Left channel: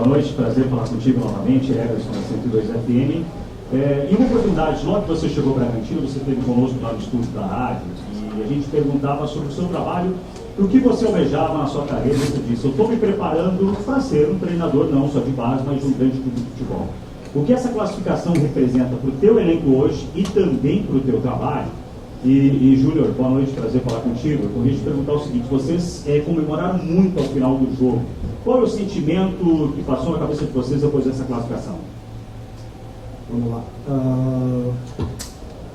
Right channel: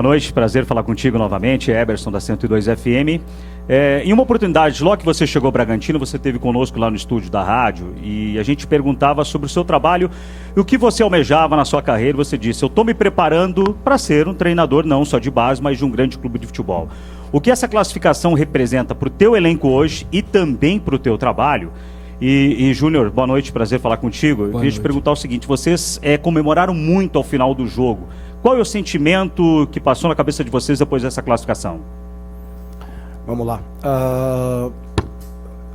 Boa noite, prazer falar contigo novamente, Eberson da 102 FM. Em uma oportunidade, logo que você chegou ao Bragantino, você esteve conosco lá no estúdio da rádio e a gente perguntava sobre o seu trabalho e o que você almejava na sua carreira. Você disse: eu estou me preparando para ser um treinador não só de base, mas de um grande clube de futebol. O que essa classificação representa para o teu elenco hoje e também para o teu trabalho? E Júnior, boa noite, prazer falar contigo. Eu queria te perguntar o seguinte: vocês comemoraram muito ao final do jogo. Qual é o sentimento que passou na cabeça de vocês depois dessa classificação? Vamos lá.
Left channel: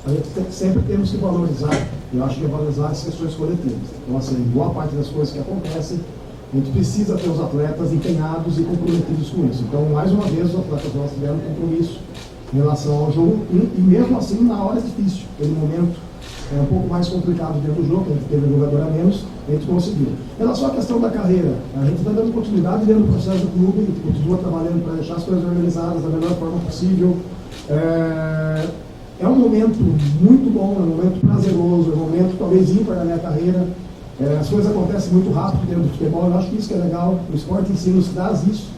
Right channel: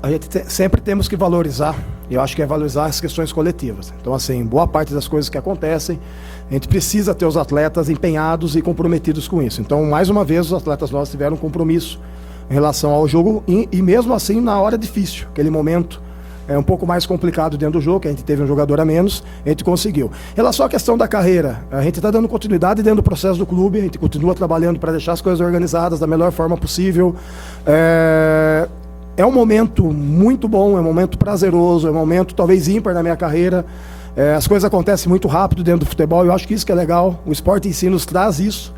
A gente sempre temos que valorizar, eu acho que é valorizar as questões coletivas. Então, assim, boa parte das coisas que acontecem, a gente precisa ter os atletas empenhados e comprometidos com isso. Então, mais uma vez, os atletas nossos tiveram um compromisso em relação ao jogo e mesmo assim, na hora difícil, aquele momento é um pouco mais complicado dentro do jogo, que a gente teve um jogador a menos, a gente conseguiu. Em relação à questão da carreira, a gente está dando continuidade dentro do processo do clube, a gente continua trabalhando para deixar as coisas organizadas da melhor forma possível. É um momento muito bom, é um momento prazeroso, é um momento talvez ímpar na minha carreira. As coisas acontecem muito rápido dentro do futebol, eu acho que isso que é legal, o esporte em si nos traz isso.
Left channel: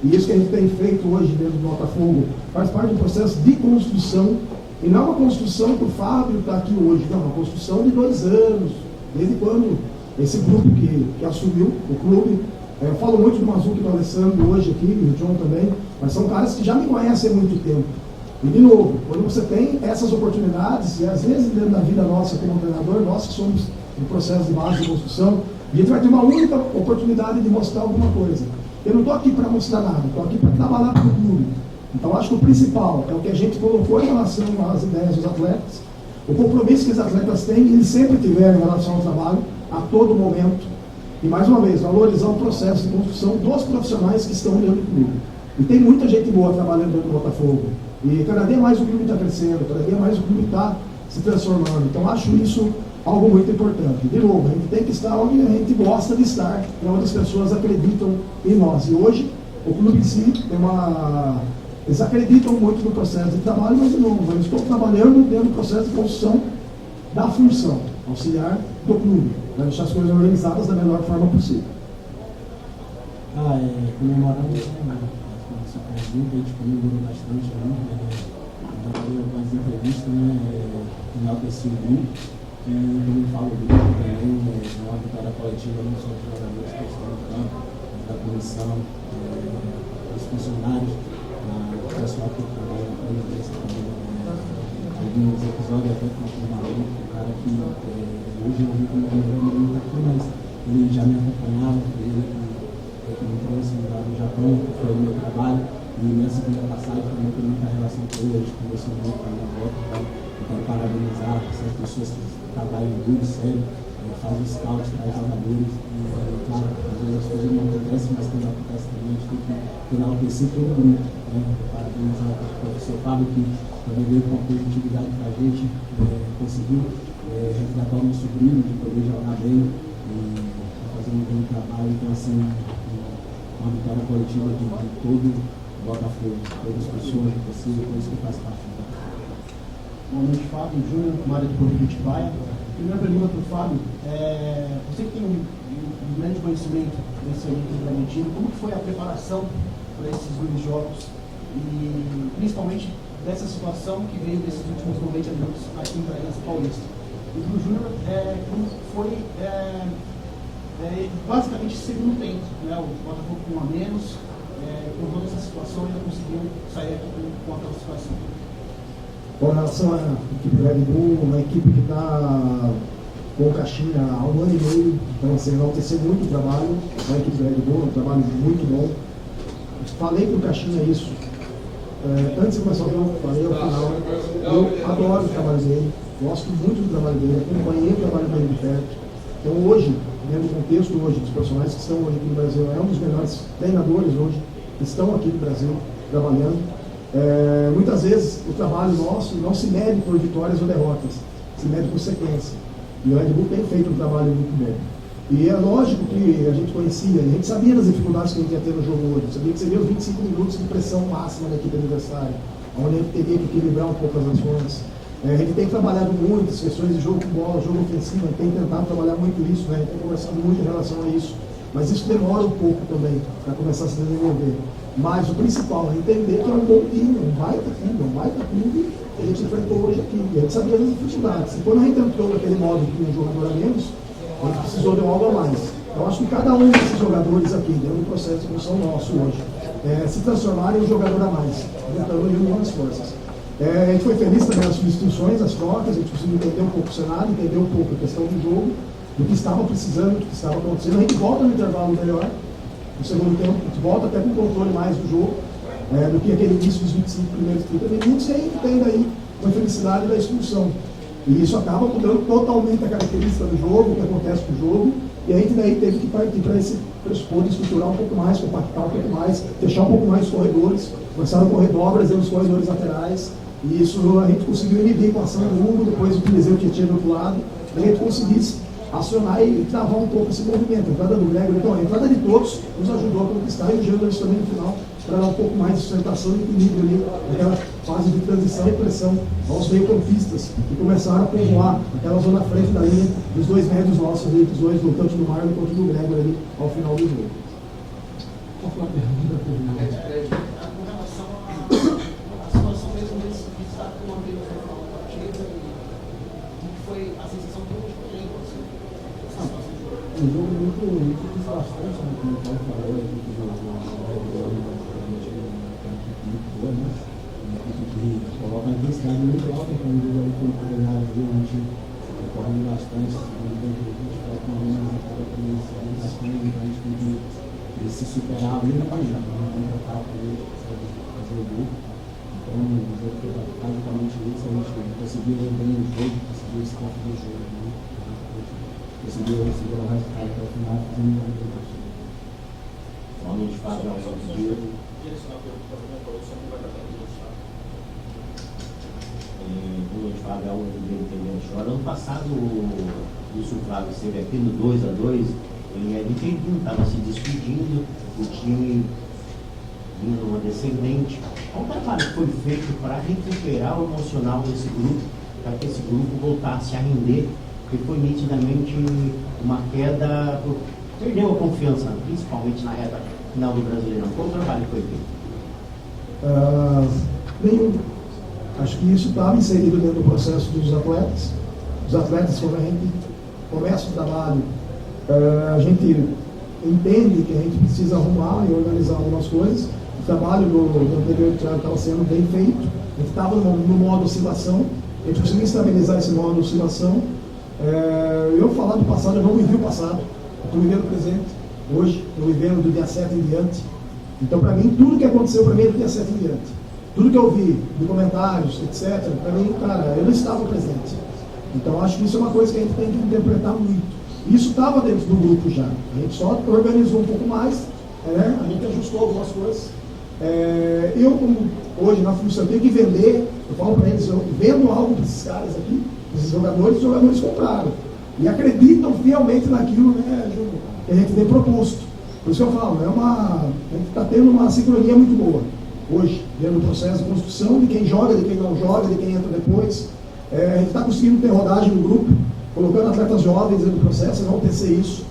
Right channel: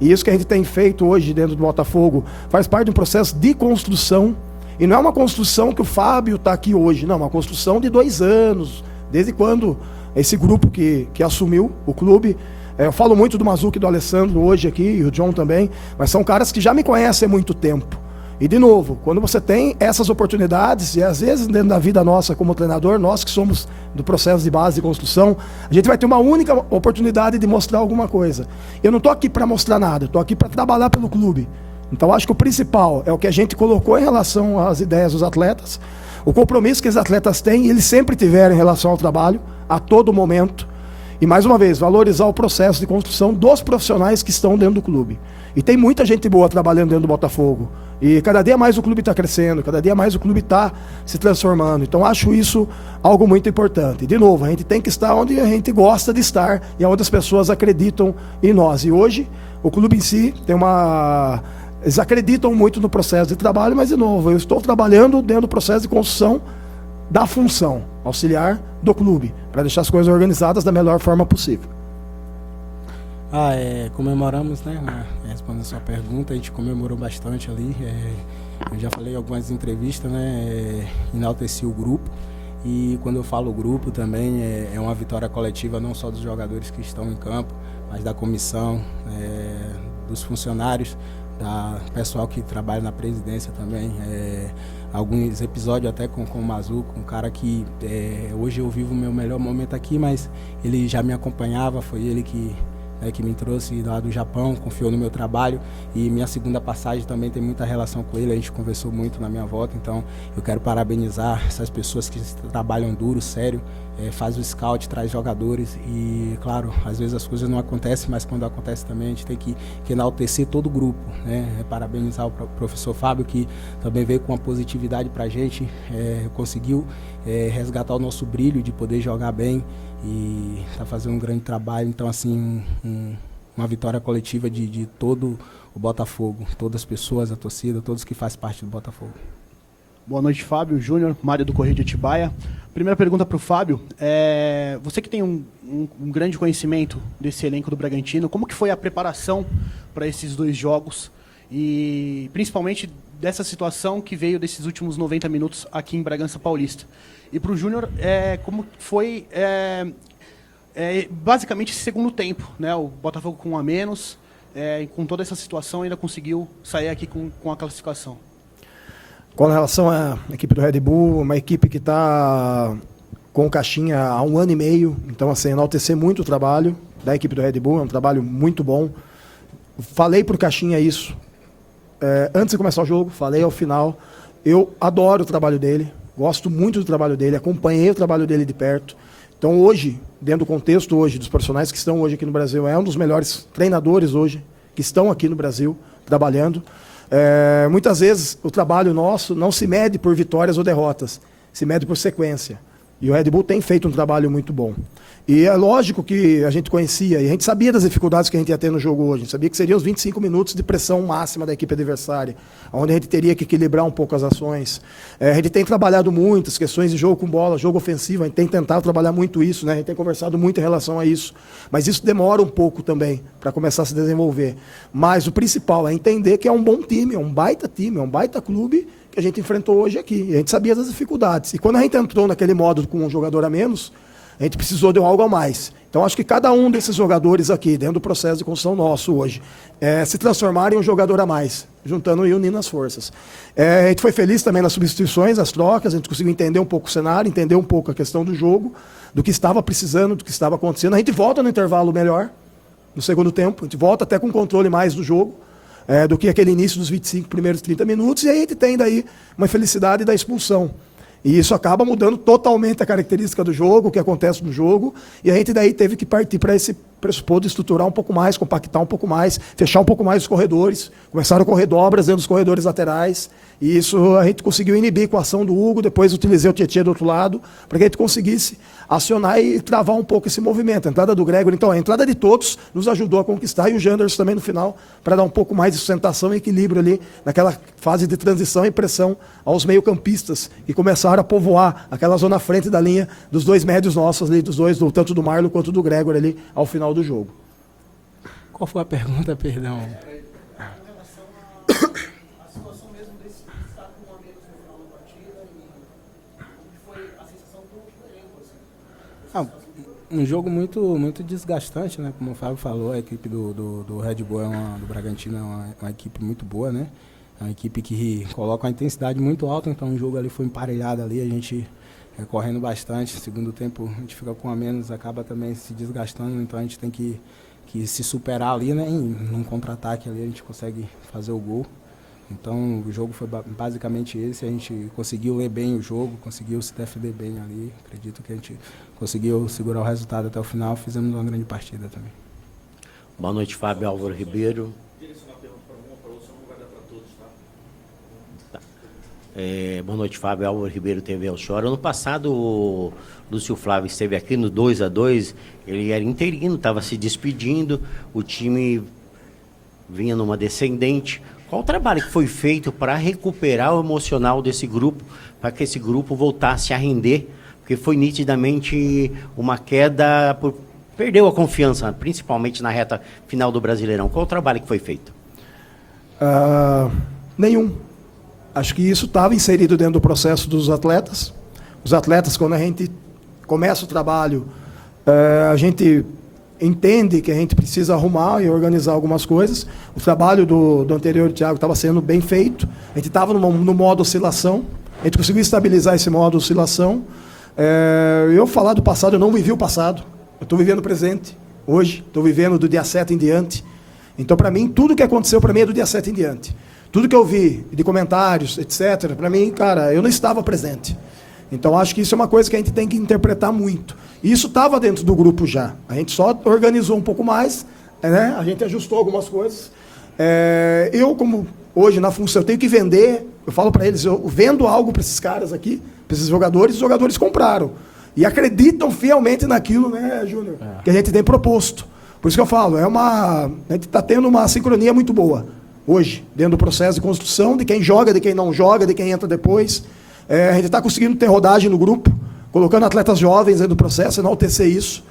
E isso que a gente tem feito hoje dentro do Botafogo faz parte de um processo de construção. E não é uma construção que o Fábio está aqui hoje, não, é uma construção de 2 anos, desde quando esse grupo que assumiu o clube. Eu falo muito do Mazuco e do Alessandro hoje aqui, e o John também, mas são caras que já me conhecem há muito tempo. E, de novo, quando você tem essas oportunidades, e às vezes dentro da vida nossa como treinador, nós que somos do processo de base de construção, a gente vai ter uma única oportunidade de mostrar alguma coisa. Eu não estou aqui para mostrar nada, estou aqui para trabalhar pelo clube. Então, acho que o principal é o que a gente colocou em relação às ideias dos atletas, o compromisso que os atletas têm, eles sempre tiveram em relação ao trabalho, a todo momento. E, mais uma vez, valorizar o processo de construção dos profissionais que estão dentro do clube. E tem muita gente boa trabalhando dentro do Botafogo. E cada dia mais o clube está crescendo, cada dia mais o clube está se transformando. Então, acho isso algo muito importante. De novo, a gente tem que estar onde a gente gosta de estar e onde as pessoas acreditam em nós. E hoje, o clube em si tem uma... Eles acreditam muito no processo de trabalho, mas, de novo, eu estou trabalhando dentro do processo de construção da função auxiliar do clube, para deixar as coisas organizadas da melhor forma possível. Comemoramos, né, respondendo a sua pergunta, a gente comemorou bastante ali. Eu já falei em algumas entrevistas, né, enalteci o grupo. E quando eu falo grupo também, é uma vitória coletiva não só dos jogadores que estão no campo, mas da comissão, dos funcionários, do pessoal que trabalha na presidência também. Alguns episódios até com o Mazuco, um cara que hoje eu vivo o meu melhor momento aqui, mas ele já me acompanhava, foi ele que me trouxe lá do Japão, confiou no meu trabalho, e minha segunda passagem também tem muita relação com ele, a gente conversou muito na minha volta. Então eu quero parabenizar essas pessoas que trabalham duro, sério, faz o scout, traz jogadores e, claro, às vezes as coisas não acontecem, mas quando acontece também a gente tem que enaltecer todo o grupo, né? Parabenizar o professor Fábio, que também veio com uma positividade para a gente, conseguiu resgatar o nosso brilho de poder jogar bem e está fazendo um grande trabalho. Então, assim, uma vitória coletiva de todo o Botafogo, todas as pessoas, a torcida, todos que fazem parte do Botafogo. Boa noite, Fábio, Júnior, Mário do Correio de Atibaia. Primeira pergunta para o Fábio, você que tem um grande conhecimento desse elenco do Bragantino, como que foi a preparação para esses 2 jogos e principalmente dessa situação que veio desses últimos 90 minutos aqui em Bragança Paulista? E para o Júnior, como foi basicamente esse segundo tempo, né? O Botafogo com 1 a menos, com toda essa situação ainda conseguiu sair aqui com a classificação. Com relação à equipe do Red Bull, uma equipe que está com o Caixinha há 1 ano e meio, então, assim, enaltecer muito o trabalho da equipe do Red Bull, é um trabalho muito bom. Falei para o Caixinha isso antes de começar o jogo, falei ao final. Eu adoro o trabalho dele, gosto muito do trabalho dele, acompanhei o trabalho dele de perto. Então, hoje, dentro do contexto hoje dos profissionais que estão hoje aqui no Brasil, é um dos melhores treinadores hoje que estão aqui no Brasil trabalhando. Muitas vezes o trabalho nosso não se mede por vitórias ou derrotas, se mede por sequência. E o Red Bull tem feito um trabalho muito bom. E é lógico que a gente conhecia, e a gente sabia das dificuldades que a gente ia ter no jogo hoje. A gente sabia que seriam os 25 minutos de pressão máxima da equipe adversária, onde a gente teria que equilibrar um pouco as ações. A gente tem trabalhado muito as questões de jogo com bola, jogo ofensivo, a gente tem tentado trabalhar muito isso, né? A gente tem conversado muito em relação a isso. Mas isso demora um pouco também para começar a se desenvolver. Mas o principal é entender que é um bom time, é um baita clube que a gente enfrentou hoje aqui. E a gente sabia das dificuldades. E quando a gente entrou naquele modo com um jogador a menos, a gente precisou de algo a mais. Então acho que cada um desses jogadores aqui, dentro do processo de construção nosso hoje, se transformarem em um jogador a mais, juntando e unindo as forças. A gente foi feliz também nas substituições, as trocas, a gente conseguiu entender um pouco o cenário, entender um pouco a questão do jogo, do que estava precisando, do que estava acontecendo. A gente volta no intervalo melhor, no segundo tempo, a gente volta até com controle mais do jogo, do que aquele início dos 25 primeiros 30 minutos, e aí a gente tem daí uma infelicidade da expulsão. E isso acaba mudando totalmente a característica do jogo, o que acontece no jogo, e a gente daí teve que partir para esse pressuposto de estruturar um pouco mais, compactar um pouco mais, fechar um pouco mais os corredores, começaram a correr dobras dentro dos corredores laterais, e isso a gente conseguiu inibir com a ação do Hugo, depois utilizei o Tietchan do outro lado, para que a gente conseguisse acionar e travar um pouco esse movimento. A entrada do Gregory, então, a entrada de todos nos ajudou a conquistar, e o Janderson também no final, para dar um pouco mais de sustentação e equilíbrio ali, naquela fase de transição e pressão aos meio-campistas, e começaram a povoar aquela zona à frente da linha dos dois médios nossos ali, dos dois, tanto do Marlon quanto do Gregory ali, ao final do jogo. Qual foi a pergunta, perdão? Um jogo muito desgastante, né? Como o Fábio falou, a equipe do Red Bull do Bragantino é uma equipe muito boa, né? Uma equipe que coloca uma intensidade muito alta, então o jogo ali foi emparelhado ali, a gente correndo bastante, segundo tempo a gente fica com a menos, acaba também se desgastando, então a gente tem que se superar ali, né? E num contra-ataque ali a gente consegue fazer o gol. Então o jogo foi basicamente esse, a gente conseguiu ler bem o jogo, conseguiu se defender bem ali, acredito que a gente conseguiu segurar o resultado até o final, fizemos uma grande partida também. Boa noite, Fábio Álvaro Ribeiro. Boa noite, Fábio Álvaro Ribeiro, TV El Chora. Ano passado, o Lúcio Flávio esteve aqui no 2-2, ele era interino, estava se despedindo, o time vinha numa descendente. Qual o trabalho que foi feito para recuperar o emocional desse grupo, para que esse grupo voltasse a render? Porque foi nitidamente uma queda, perdeu a confiança, principalmente na reta final do Brasileirão. Qual o trabalho que foi feito? Nenhum. Acho que isso estava inserido dentro do processo dos atletas. Os atletas, quando a gente começa o trabalho, a gente entende que a gente precisa arrumar e organizar algumas coisas. O trabalho do anterior Thiago estava sendo bem feito. A gente estava no modo oscilação. A gente conseguiu estabilizar esse modo oscilação. Eu falar do passado, eu não vivi o passado, eu estou vivendo o presente, hoje, estou vivendo do dia 7 em diante. Então, para mim, tudo que aconteceu para mim é do dia 7 em diante. Tudo que eu vi de comentários, etc., para mim, cara, eu não estava presente. Então, acho que isso é uma coisa que a gente tem que interpretar muito. E isso estava dentro do grupo já, a gente só organizou um pouco mais, né? A gente ajustou algumas coisas. Eu, como hoje na função, eu tenho que vender, eu falo para eles, eu vendo algo para esses caras aqui, para esses jogadores, os jogadores compraram. E acreditam fielmente naquilo, né, Júnior, que a gente tem proposto. Por isso que eu falo, a gente está tendo uma sincronia muito boa hoje, dentro do processo de construção, de quem joga, de quem não joga, de quem entra depois. A gente está conseguindo ter rodagem no grupo, colocando atletas jovens dentro do processo, enaltecer isso.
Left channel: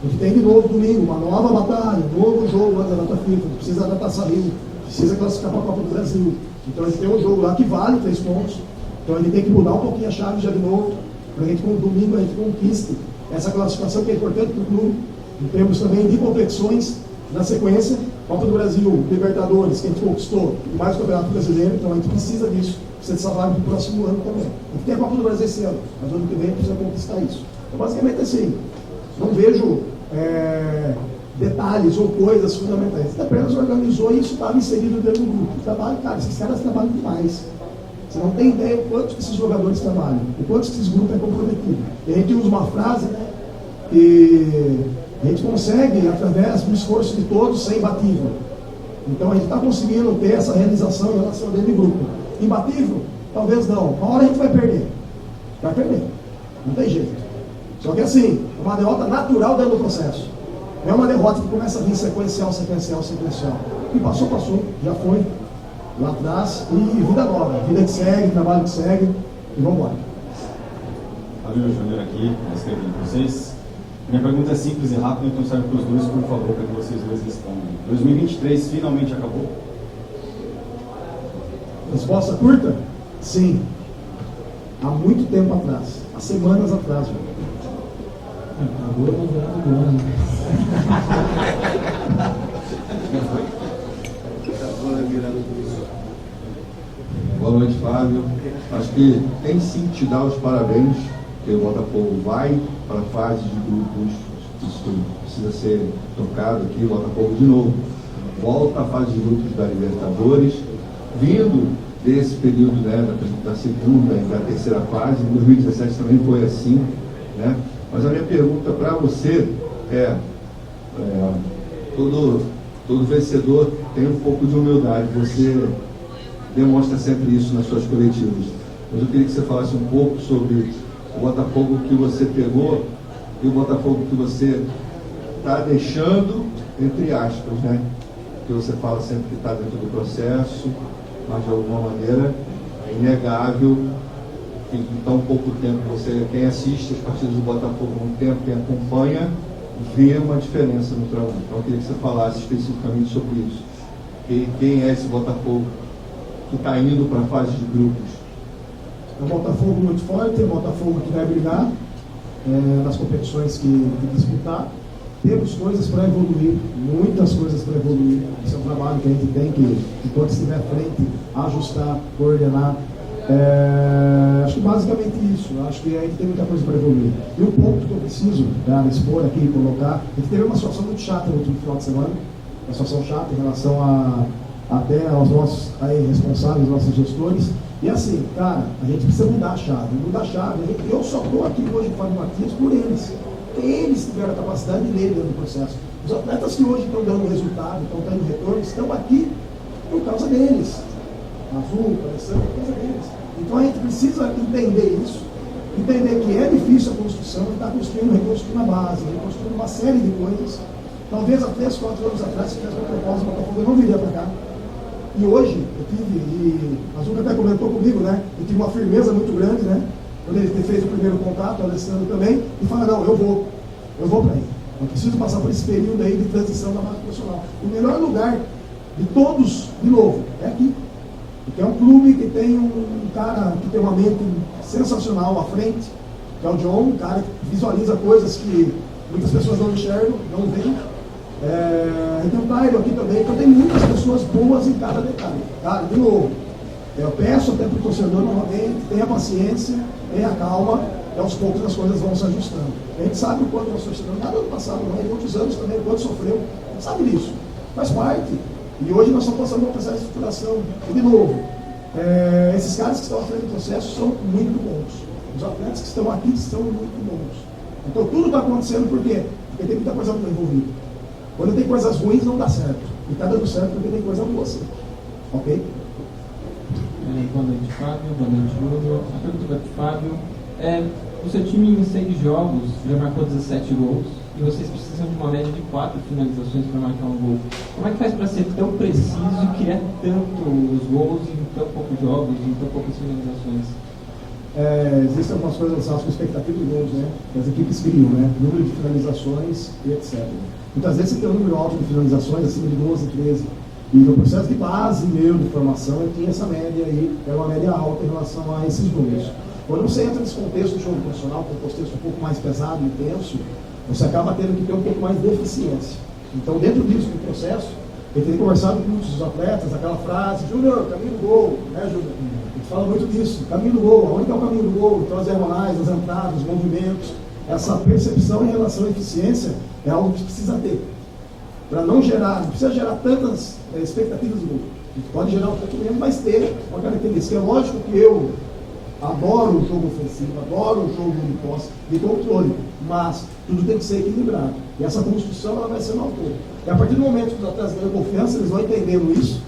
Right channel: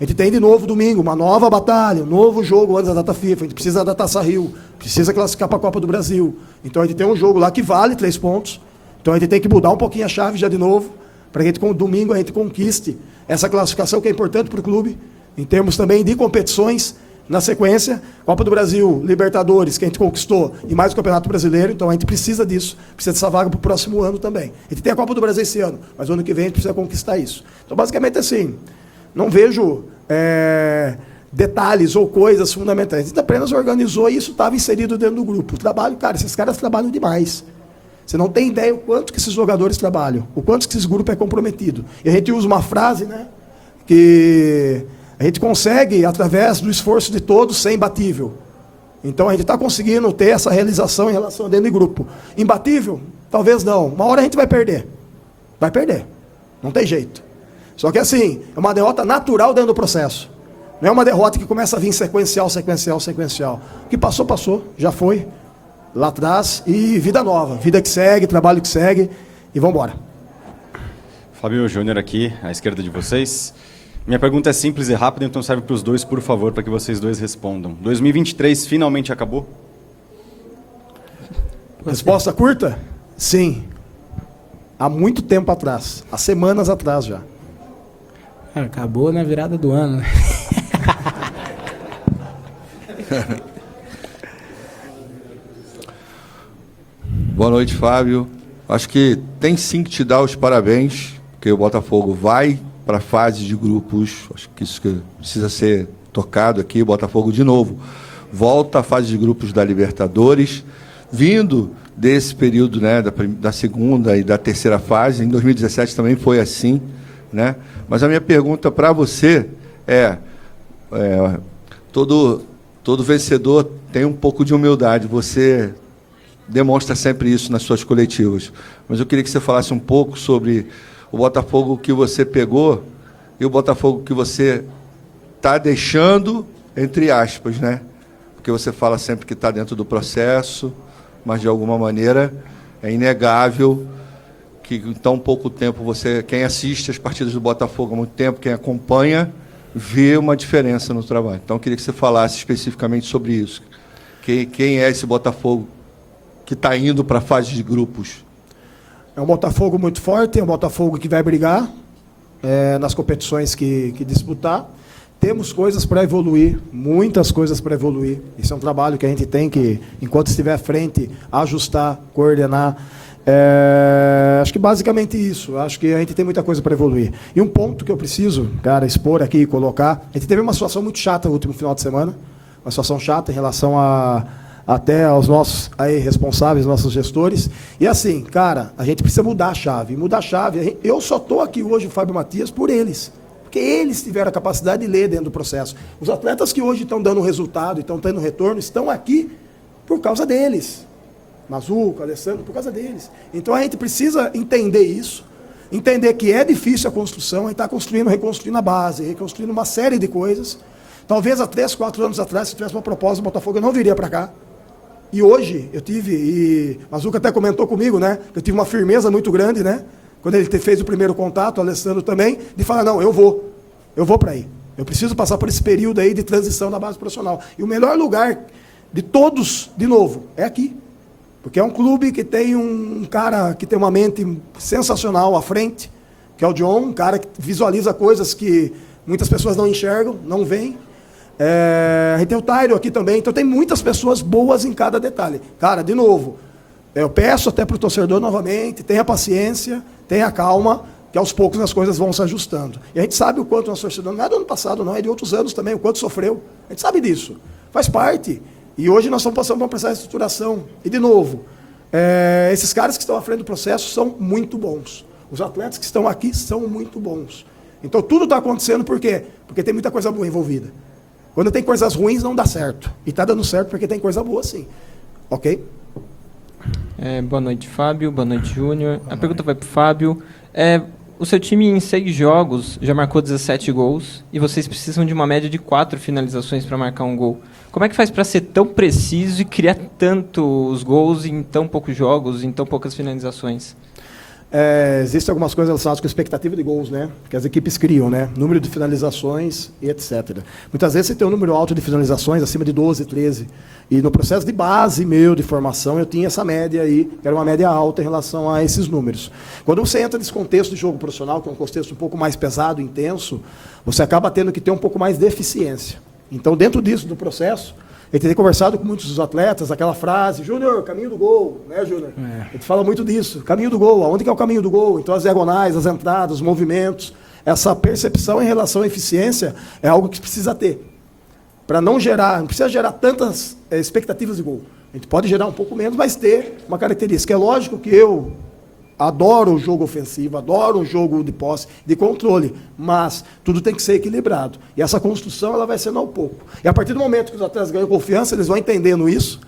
A gente tem de novo domingo uma nova batalha, um novo jogo antes da data FIFA. A gente precisa da Taça Rio, precisa classificar para a Copa do Brasil. Então a gente tem um jogo lá que vale 3 pontos. Então a gente tem que mudar um pouquinho a chave já de novo, para que domingo a gente conquiste essa classificação que é importante para o clube, em termos também de competições. Na sequência, Copa do Brasil, Libertadores, que a gente conquistou, e mais o Campeonato Brasileiro. Então a gente precisa disso, precisa dessa vaga para o próximo ano também. A gente tem a Copa do Brasil esse ano, mas o ano que vem a gente precisa conquistar isso. Então basicamente assim, não vejo detalhes ou coisas fundamentais. A gente apenas organizou e isso estava inserido dentro do grupo. O trabalho, cara, esses caras trabalham demais. Você não tem ideia o quanto que esses jogadores trabalham, o quanto que esse grupo é comprometido. E a gente usa uma frase, né, que a gente consegue, através do esforço de todos, ser imbatível. Então a gente está conseguindo ter essa realização em relação dentro do grupo. Imbatível? Talvez não. Uma hora a gente vai perder. Vai perder. Não tem jeito. Só que assim, é uma derrota natural dentro do processo. Não é uma derrota que começa a vir sequencial. O que passou, passou. Já foi. Lá atrás. E vida nova. Vida que segue, trabalho que segue. E vamos embora. Fabio Júnior aqui, à esquerda de vocês. Minha pergunta é simples e rápida, então serve para os dois, por favor, para que vocês dois respondam. 2023 finalmente acabou? Resposta curta? Sim. Há muito tempo atrás. Há semanas atrás já. Acabou na virada do ano, né? Boa noite, Fábio. Acho que tem sim que te dar os parabéns, porque o Botafogo vai para a fase de grupos. Acho que isso que precisa ser tocado aqui. O Botafogo, de novo, volta à fase de grupos da Libertadores, vindo desse período, né, da segunda e da terceira fase. Em 2017 também foi assim, né? Mas a minha pergunta para você todo vencedor tem um pouco de humildade. Você demonstra sempre isso nas suas coletivas. Mas eu queria que você falasse um pouco sobre o Botafogo que você pegou e o Botafogo que você está deixando, entre aspas, né? Porque você fala sempre que está dentro do processo, mas de alguma maneira é inegável que em tão pouco tempo quem assiste as partidas do Botafogo há muito tempo, quem acompanha, vê uma diferença no trabalho. Então eu queria que você falasse especificamente sobre isso. Quem é esse Botafogo que está indo para a fase de grupos? É um Botafogo muito forte, é um Botafogo que vai brigar nas competições que disputar. Temos coisas para evoluir, muitas coisas para evoluir. Isso é um trabalho que a gente tem que, enquanto estiver à frente, ajustar, coordenar. Acho que basicamente isso. Acho que a gente tem muita coisa para evoluir. E um ponto que eu preciso, cara, expor aqui e colocar. A gente teve uma situação muito chata no último final de semana. Uma situação chata em relação até aos nossos responsáveis, nossos gestores. E assim, cara, a gente precisa mudar a chave. Mudar a chave. Eu só estou aqui hoje, Fábio Matias, por eles. Porque eles tiveram a capacidade de ler dentro do processo. Os atletas que hoje estão dando resultado, estão tendo retorno, estão aqui por causa deles. Mazuca, Alessandro, por causa deles. Então a gente precisa entender isso, entender que é difícil a construção, a gente está construindo, reconstruindo a base, reconstruindo uma série de coisas. Talvez há 3, 4 anos atrás, se tivesse uma proposta do Botafogo, eu não viria para cá. E hoje eu tive, e Mazuca até comentou comigo, né? Eu tive uma firmeza muito grande, né? Quando ele fez o primeiro contato, o Alessandro também, de falar, não, eu vou para aí. Eu preciso passar por esse período aí de transição na base profissional. E o melhor lugar de todos, de novo, é aqui. Porque é um clube que tem um cara que tem uma mente sensacional à frente, que é o John, um cara que visualiza coisas que muitas pessoas não enxergam, não veem. A gente tem o Dairo aqui também, então tem muitas pessoas boas em cada detalhe. Cara, de novo, eu peço até para o torcedor novamente, tenha paciência, tenha calma, que aos poucos as coisas vão se ajustando. E a gente sabe o quanto nós torcedor, não é do ano passado não, é de outros anos também, o quanto sofreu. A gente sabe disso, faz parte. E hoje nós estamos passando por uma processo de estruturação. E de novo, esses caras que estão à frente do processo são muito bons. Os atletas que estão aqui são muito bons. Então tudo está acontecendo por quê? Porque tem muita coisa boa envolvida. Quando tem coisas ruins não dá certo. E está dando certo porque tem coisa boa sim. Ok? Boa noite, Fábio. Boa noite, Júnior. A pergunta vai para o Fábio. O seu time em 6 jogos já marcou 17 gols e vocês precisam de uma média de 4 finalizações para marcar um gol. Como é que faz para ser tão preciso e criar tantos gols em tão poucos jogos, em tão poucas finalizações? Existem algumas coisas relacionadas com a expectativa de gols, né? Que as equipes criam, né? Número de finalizações e etc. Muitas vezes você tem um número alto de finalizações, acima de 12, 13. E no processo de base meu, de formação, eu tinha essa média aí, que era uma média alta em relação a esses números. Quando você entra nesse contexto de jogo profissional, que é um contexto um pouco mais pesado, intenso, você acaba tendo que ter um pouco mais de eficiência. Então, dentro disso, do processo, eu tenho conversado com muitos dos atletas, aquela frase, Júnior, caminho do gol, né, Júnior? A gente fala muito disso, caminho do gol, aonde que é o caminho do gol? Então, as diagonais, as entradas, os movimentos, essa percepção em relação à eficiência é algo que precisa ter. Para não precisa gerar tantas expectativas de gol. A gente pode gerar um pouco menos, mas ter uma característica. É lógico que eu adoro o jogo ofensivo, adoro o jogo de posse, de controle, mas tudo tem que ser equilibrado. E essa construção ela vai sendo ao pouco. E a partir do momento que os atletas ganham confiança, eles vão entendendo isso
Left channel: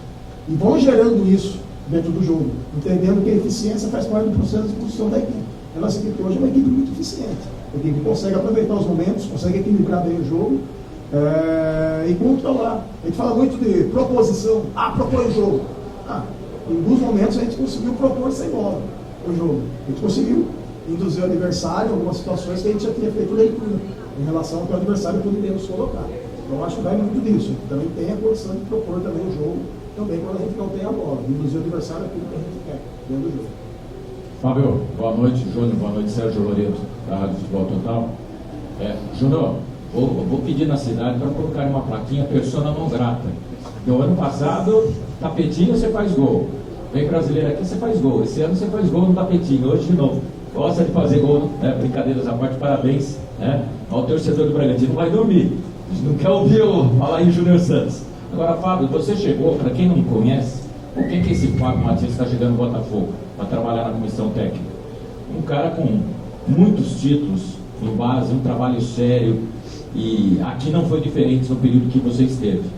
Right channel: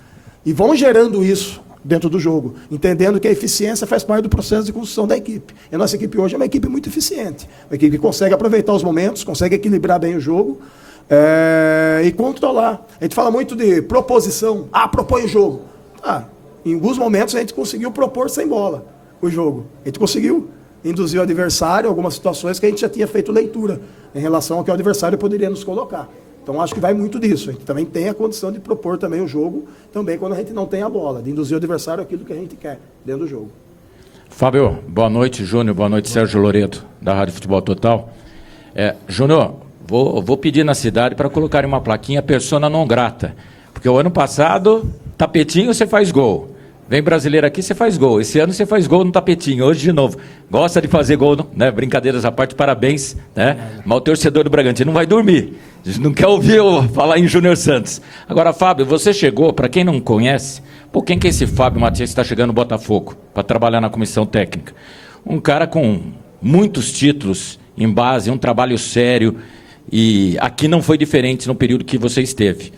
e vão gerando isso dentro do jogo, entendendo que a eficiência faz parte do processo de construção da equipe. E a nossa equipe hoje é uma equipe muito eficiente, uma equipe que consegue aproveitar os momentos, consegue equilibrar bem o jogo, e controlar. A gente fala muito de proposição. Propõe o jogo. Em alguns momentos a gente conseguiu propor sem bola o jogo. A gente conseguiu induzir o adversário em algumas situações que a gente já tinha feito leitura em relação ao que o adversário poderia nos colocar. Então acho que vai muito disso. A gente também tem a condição de propor também o jogo, também quando a gente não tem a bola, de induzir o adversário aquilo que a gente quer dentro do jogo. Fábio, boa noite, Júnior, boa noite, Sérgio Loreto, da Rádio Futebol Total. Júnior, vou pedir na cidade para colocarem uma plaquinha persona non grata, porque o ano passado, tapetinho, você faz gol. Vem brasileiro aqui, você faz gol. Esse ano você faz gol no tapetinho, hoje de novo. Gosta de fazer gol, né? Brincadeiras à parte, parabéns, né? Mas o torcedor do Bragantino não vai dormir. Não quer ouvir eu falar em Júnior Santos. Agora, Fábio, você chegou, para quem não conhece, quem que é esse Fábio Matias que está chegando no Botafogo para trabalhar na comissão técnica? Um cara com muitos títulos em base, um trabalho sério, e aqui não foi diferente no período que você esteve.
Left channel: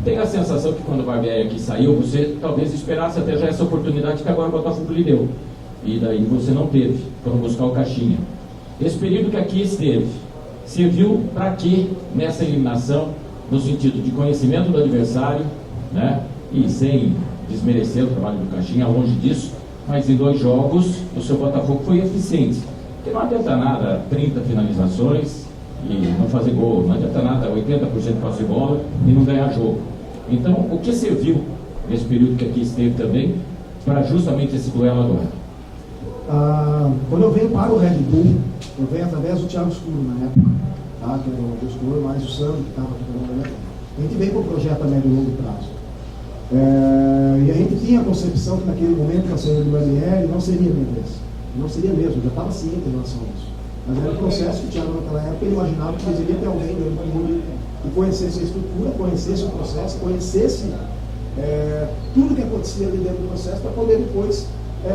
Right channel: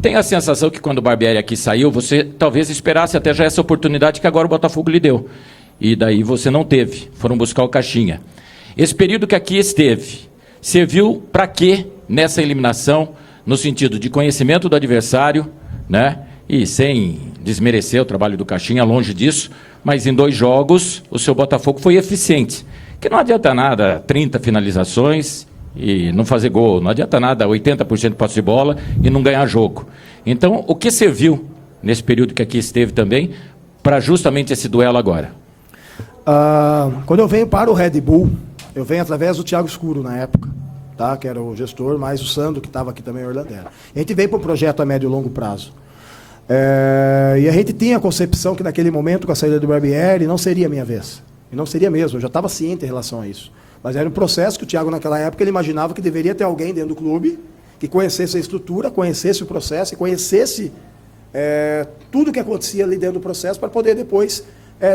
Tenho a sensação que quando o Barbieri aqui saiu, você talvez esperasse até já essa oportunidade que agora o Botafogo lhe deu. E daí você não teve, foram buscar o Caixinha. Esse período que aqui esteve, serviu para quê nessa eliminação, no sentido de conhecimento do adversário, né? E sem desmerecer o trabalho do Caixinha, longe disso, mas em 2 jogos o seu Botafogo foi eficiente. Que não adianta nada 30 finalizações e não fazer gol, não adianta nada 80% de passe de bola e não ganhar jogo. Então, o que serviu nesse período que aqui esteve também para justamente esse duelo agora? Quando eu venho para o Red Bull, eu venho através do Thiago Escuro na época, tá? Que era o gestor, mais o Sandro, que estava aqui também em Orlandera. A gente veio para o projeto a médio e longo prazo. E a gente tinha a concepção que naquele momento, com a saída do Barbieri, não seria a minha vez. Não seria mesmo, eu já estava ciente em relação a isso. Mas era um processo que o Thiago, naquela época, ele imaginava que deveria ter alguém dentro do clube que conhecesse a estrutura, conhecesse o processo, conhecesse tudo que acontecia ali dentro do processo para poder depois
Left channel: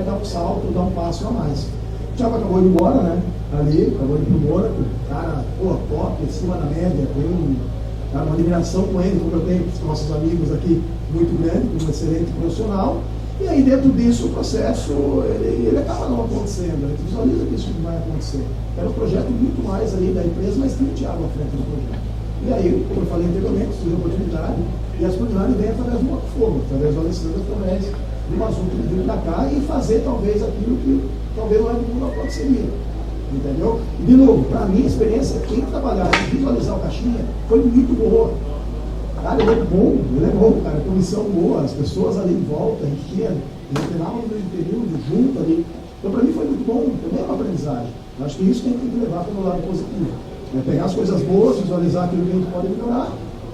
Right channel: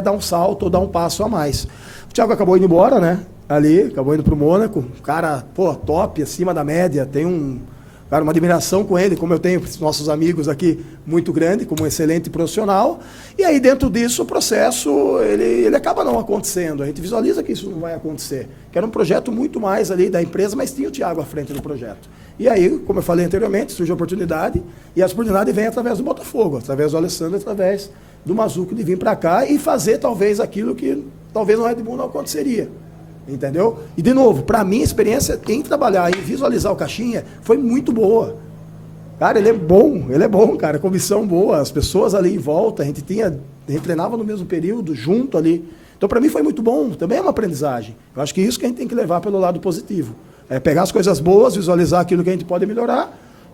dar um salto ou dar um passo a mais. O Thiago acabou indo embora, né? Ali, acabou indo para o Mônaco, cara, top, acima da média, tem uma admiração com ele, como eu tenho com os nossos amigos aqui, muito grande, como um excelente profissional. E aí dentro disso o processo, ele acaba não acontecendo. A gente visualiza que isso não vai acontecer. Que era um projeto muito mais ali da empresa, mas tinha o Thiago à frente do projeto. E aí, como eu falei anteriormente, surgiu a oportunidade, e a oportunidade vem através do Botafogo, através do Alessandro, através do Mazuco, de vir para cá e fazer talvez aquilo que talvez no Red Bull não aconteceria. Entendeu? E de novo, para mim a experiência, quem trabalhar e visualizar o Caixinha foi muito boa. Cara, ele é bom, cara, comissão boa, as pessoas ali em volta, a gente treinava no mesmo período, junto ali. Então para mim foi muito bom, também é uma aprendizagem. Eu acho que isso que a gente tem que levar pelo lado positivo. É pegar as coisas boas, visualizar aquilo que a gente pode melhorar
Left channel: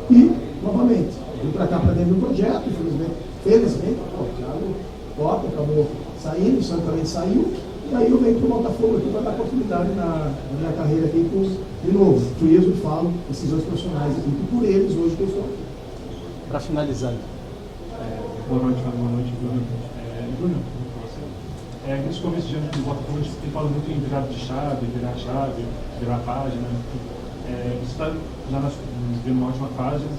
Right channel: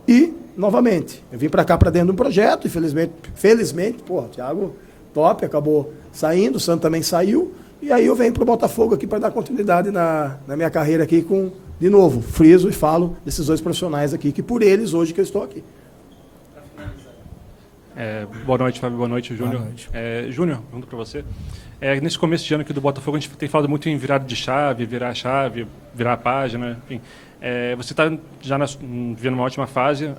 e, novamente, eu vim para cá, para dentro do projeto, e felizmente, o Thiago top, acabou saindo, o Santo também saiu. E aí eu venho para o Botafogo aqui para dar continuidade na minha carreira aqui com, de novo, friso e falo desses 2 profissionais aqui, que por eles hoje que eu estou aqui. Para finalizar. Boa noite, Fábio. Boa noite, Júnior. Júnior, vamos para você. Nesse começo de ano aqui do Botafogo, a gente tem falado muito em virada de chave, virar a chave, virar a página, enfim. Você está já vivendo uma ótima fase,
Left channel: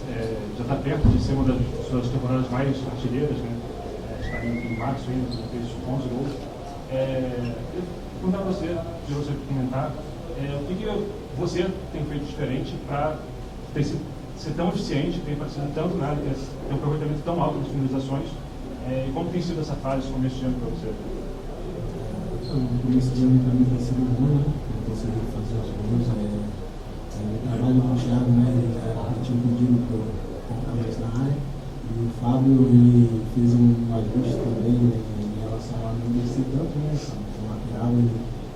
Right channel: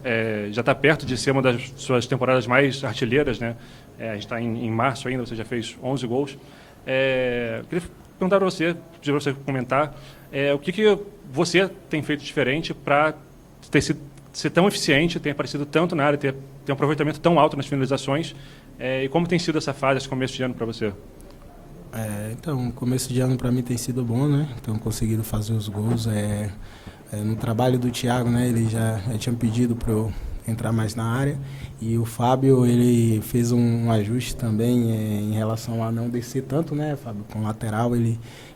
já está perto de ser uma das suas temporadas mais artilheiras, né? A gente está em março ainda, você já fez 11 gols. Queria perguntar para você, de você comentar, o que você tem feito diferente para ser tão eficiente, ter aparecido tanto na área, ter um aproveitamento tão alto nas finalizações, e como tem sido essa fase, esse começo de ano para você? Então, o começo de ano para mim tem sido bom, né? Então, conseguindo fazer os gols. No trabalho do Thiago, né? Ele já tinha pedido para eu entrar mais na área. E o Fábio, ele fez um ajuste também em relação a não descer tanto, né? Com o lateral,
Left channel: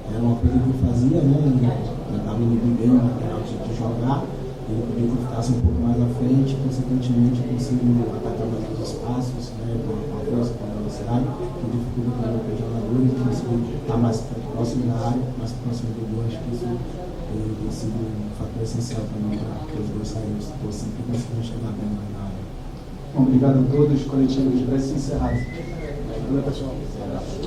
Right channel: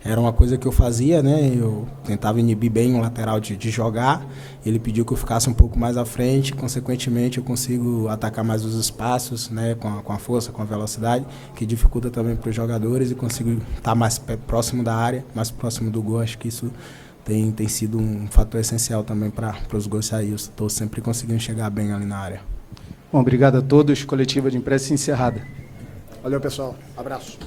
era uma coisa que eu fazia, né? Eu tentava inibir bem o lateral de jogar. Ele pediu que eu ficasse um pouco mais à frente, consequentemente eu consigo atacar mais os espaços, né? Com a força, com a velocidade, que dificulta também para os jogadores, e consigo estar mais próximo da área, mais próximo do gol. Acho que isso tem sido um fator essencial também para os gols sair. Eu estou sempre conseguindo chegar bem ali na área. Bom, obrigado a todos. Coletiva de imprensa encerrada. Valeu, pessoal. Um abraço.